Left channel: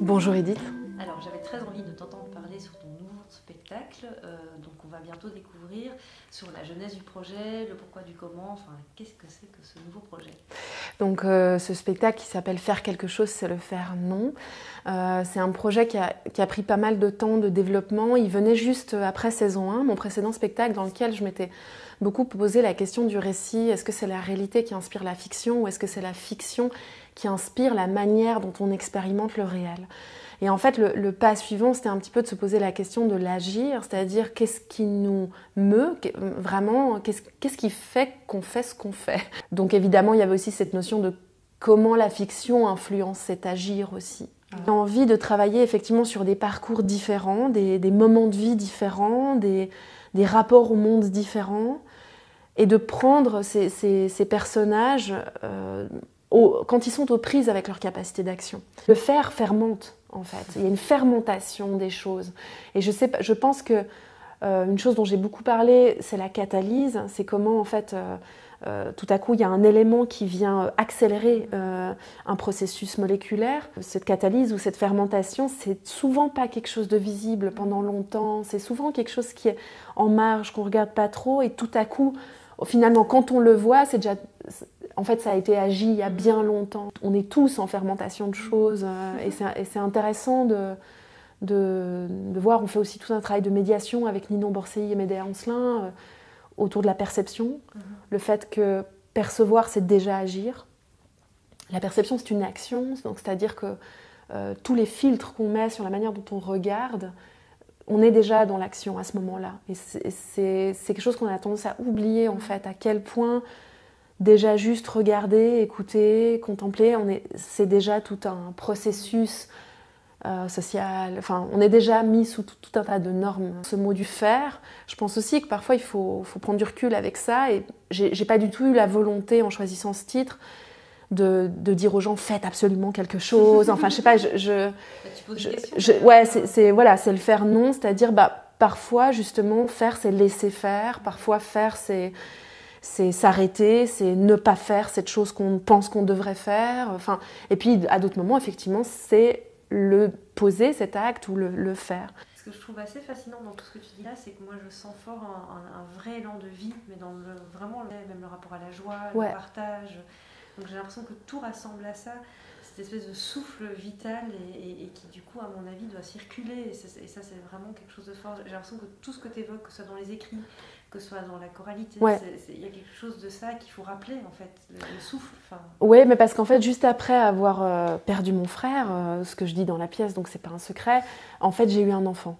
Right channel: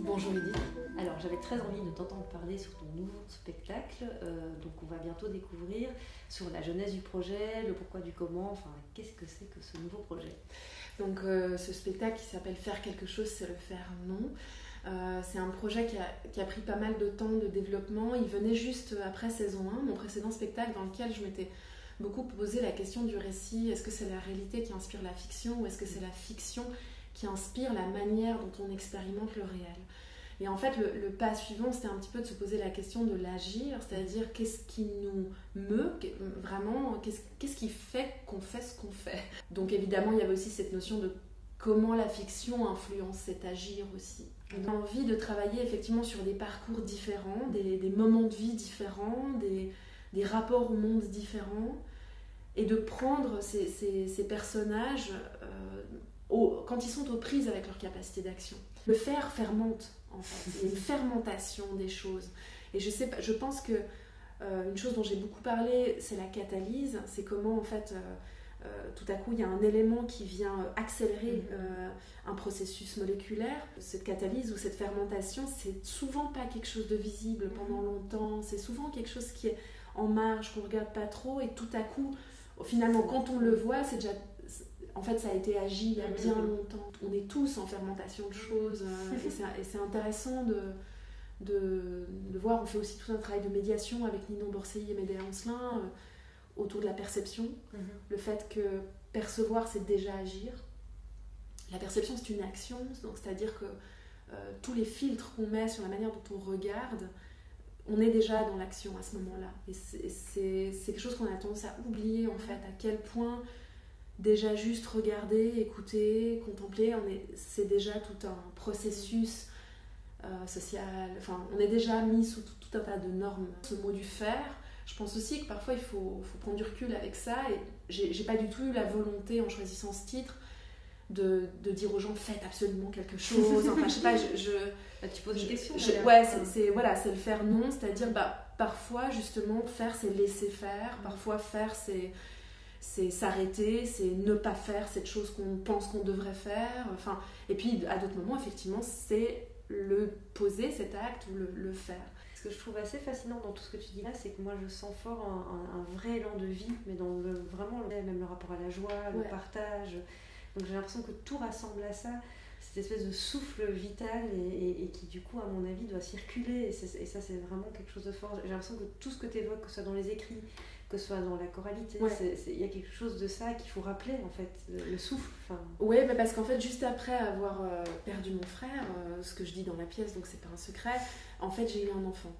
Bonjour Edith. Alors, j'avais très envie de t'entendre parler sur ton nouveau spectacle, donc on va bientôt découvrir sur la genèse du projet, le pourquoi du comment, enfin qu'est-ce que c'est que ce nouveau projet? Donc ce spectacle qui s'appelle Faire quelque chose, c'est le faire non. C'est un projet qui a pris pas mal de temps de développement. Il venait juste après saison 1, mon précédent spectacle dans lequel je m'étais beaucoup posé la question du récit. Est-ce que c'est la réalité qui inspire la fiction ou est-ce que c'est la fiction qui inspire la manière dont on expérimente le réel? Et en fait, le pas suivant, c'était un petit peu de se poser la question de l'agir, c'est-à-dire qu'est-ce qui nous meut, vraiment, qu'est-ce qui fait qu'on fait ce qu'on fait. Donc évidemment, il y avait aussi cette notion de comment la fiction influence cet agir aussi. J'ai envie de travailler effectivement sur des parcours différents, des moments de vie différents, des rapports au monde différents, et de prendre ces personnages quand ils sont aux prises avec leur capacité d'action. Le faire fermente, en fait. Il y a une fermentation des choses. Et je pense que une chose dont j'ai beaucoup parlé, c'est la catalyse. C'est comment, en fait, tout à coup, il y a un élément qui vient accélérer un processus moléculaire. Cette catalyse ou cette fermentation, c'est souvent pas quelque chose de visible pendant longtemps. C'est souvent quelque chose qui est en marge, qu'on regarde pas trop. Et tout à coup, finalement, quand on le voit, c'est déjà... En fait, ça a été agi il y a bien longtemps. On est tous en fermentation de choses et c'est intéressant de voir. On fait aussi tout un travail de médiation avec Ninon Borselli et Médéa Ancelin autour de la perception. Le fait que percevoir, c'est déjà agir. La perception, c'est une action, donc c'est-à-dire que tous les filtres qu'on met sur la manière dont on regarde, on est déjà dans l'action à ce moment-là. Et c'est quelque chose qu'on a tendance à oublier, en fait, à quel point... Déjà juste regarder, écouter, contempler, c'est déjà tout un processus social. Enfin, on est déjà mis sous tout un tas de normes. Ce mot du faire, je pense aussi que parfois il faut prendre du recul avec ça. Et j'ai pas du tout eu la volonté, en choisissant ce titre, de dire aux gens faites absolument quelque chose. Enfin, je sais pas. Ouais, c'est le faire non, c'est-à-dire parfois justement faire, c'est laisser faire. Parfois faire, c'est s'arrêter, c'est ne pas faire cette chose qu'on pense qu'on devrait faire. Enfin, et puis, à d'autres moments, effectivement, c'est le poser cet acte ou le faire. Ce que je trouve assez fascinant dans tout ce que tu dis là, c'est que moi, je sens fort un vrai élan de vie, mais dans vraiment même le rapport à la joie, le partage. Donc, j'ai l'impression que tout rassemble à ça, cette espèce de souffle vital et qui, du coup, à mon avis, doit circuler. Et ça, c'est vraiment quelque chose de fort. J'ai l'impression que tout ce que tu évoques, que ce soit dans les écrits, que ce soit dans la choralité, il y a quelque chose de ça qu'il faut rappeler, en fait, le souffle. Oui, mais parce qu'en fait, juste après avoir perdu mon frère, ce que je dis dans la pièce, donc c'est pas un secret, en fait, j'ai eu un enfant.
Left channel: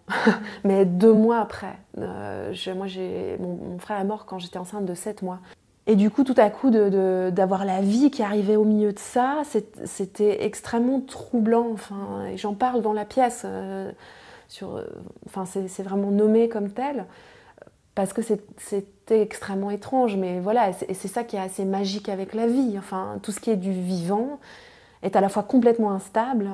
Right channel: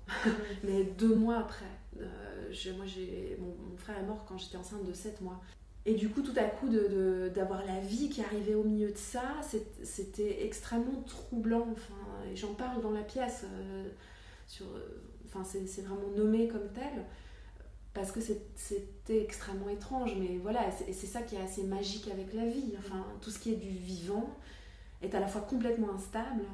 Mais 2 mois après. Mon frère est mort quand j'étais enceinte de 7 mois. Et du coup, tout à coup, d'avoir la vie qui arrivait au milieu de ça, c'était extrêmement troublant. Enfin, et j'en parle dans la pièce. C'est vraiment nommé comme tel. Parce que c'était extrêmement étrange, mais voilà, et c'est ça qui est assez magique avec la vie. Enfin, tout ce qui est du vivant est à la fois complètement instable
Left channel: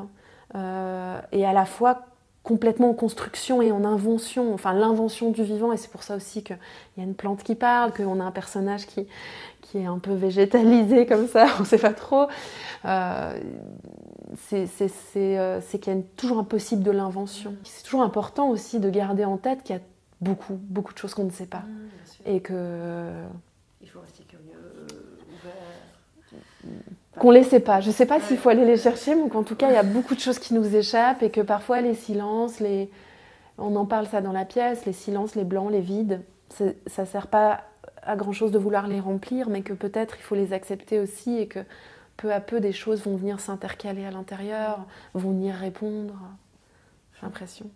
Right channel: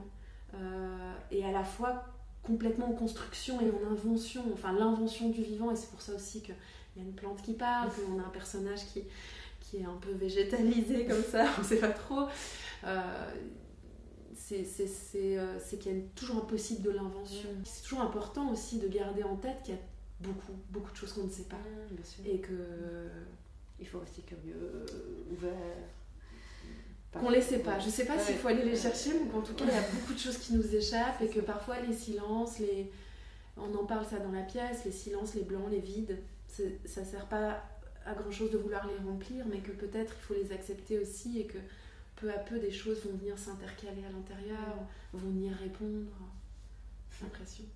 et à la fois complètement en construction et en invention. Enfin, l'invention du vivant, et c'est pour ça aussi qu'il y a une plante qui parle, qu'on a un personnage qui est un peu végétalisé comme ça, on ne sait pas trop. C'est qu'il y a toujours un possible de l'invention. C'est toujours important aussi de garder en tête qu'il y a beaucoup de choses qu'on ne sait pas. Et que... Il faut rester curieux, ouvert. Qu'on ne les sait pas. Je ne sais pas s'il faut aller les chercher, mais qu'en tout cas, il y a beaucoup de choses qui nous échappent et que parfois les silences, on en parle ça dans la pièce, les silences, les blancs, les vides, ça ne sert pas à grand-chose de vouloir les remplir, mais que peut-être il faut les accepter aussi et que peu à peu, des choses vont venir s'intercaler à l'intérieur, vont venir répondre. J'ai l'impression.